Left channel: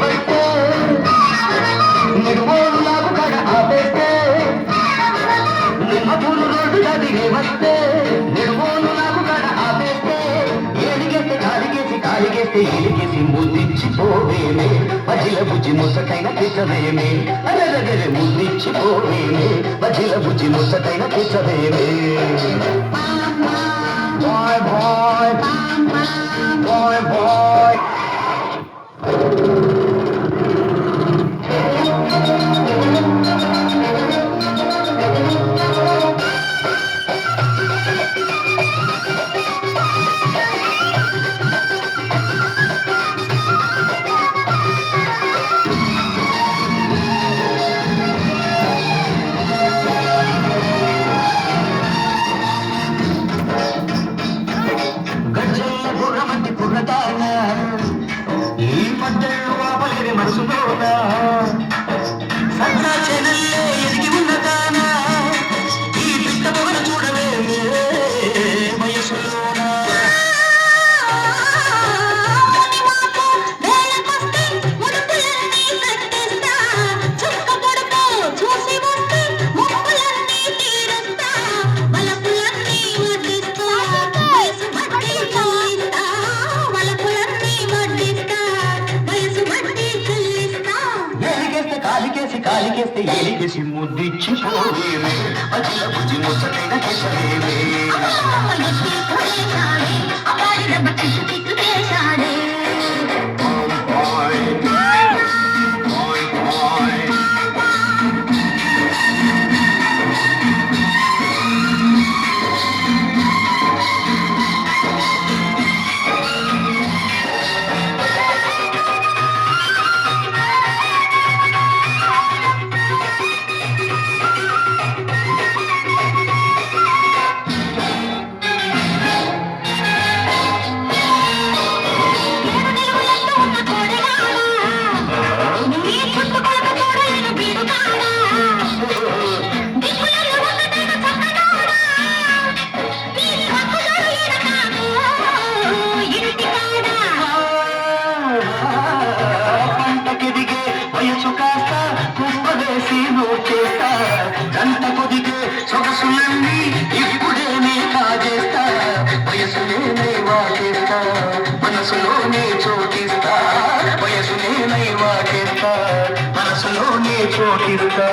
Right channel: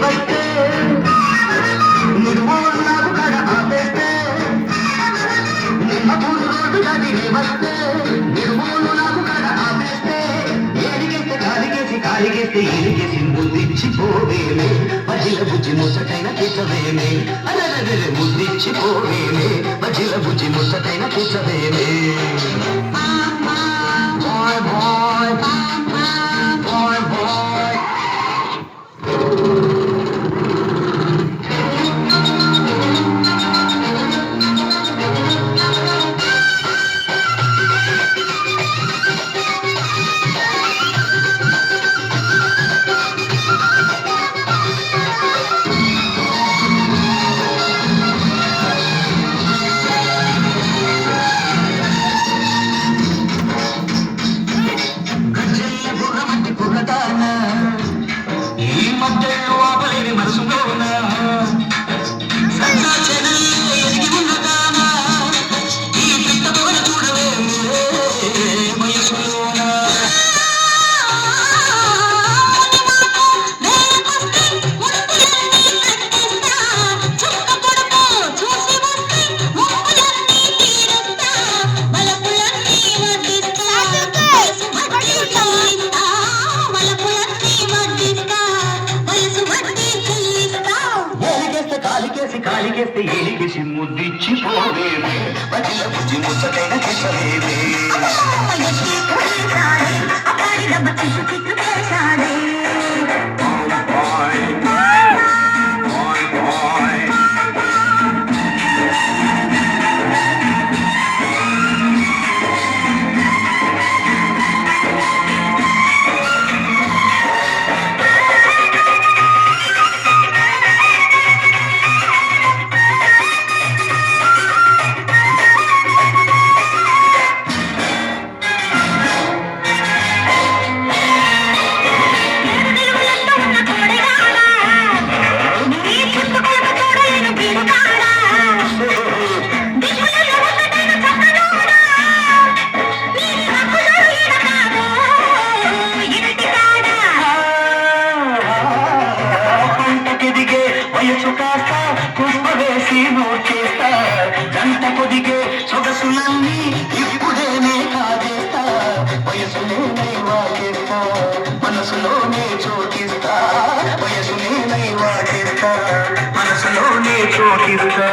బట్టే నిర్మూలు నాకు కడ ఆపేస్తే మధురు రోడ్డు నదిలి వస్తే నిర్మూలు నాకు కడ ఆపేస్తే ఏలిగేస్తే కాలిగేస్తే ఏలిగేసి ముద్దిచ్చిపోవేమే మజిల బుజ్జి ముసటైన పిచ్చవేమే అరగగలి ముద్దిచ్చిపోవేమే మజిల బుజ్జి ముసటైన పిచ్చవేమే బాయ్ బాయ్ బాయ్ బాయ్ కాలికేస్తే ఏలికేసి ముద్దిచ్చిపోవేమే మధ్య బుజ్జి ముచ్చటైన కిసవేమే వయసు కాస్త కుప్పవేసి మోచేస్తా గంట కొదిగే సొగసులన్నీ ఇప్పుడేనే కాజేస్తా వయసులోనే వాడేస్తా మనసులోనే చోటిస్తా వయసులోనే వాడేస్తా మనసులోనే చోటిస్తా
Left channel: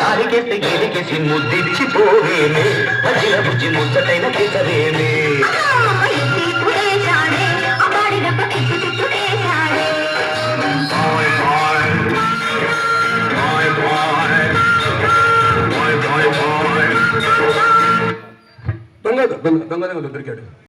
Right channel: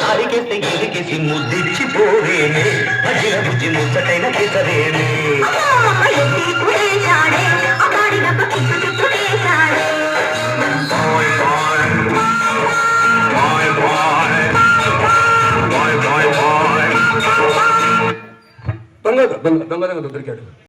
కాలికేస్తే ఏలికేసి ముద్దిచ్చిపోవేమే మధ్య బుజ్జి ముచ్చటైన కిసవేమే దొంగ దొంగ దొరికాడు.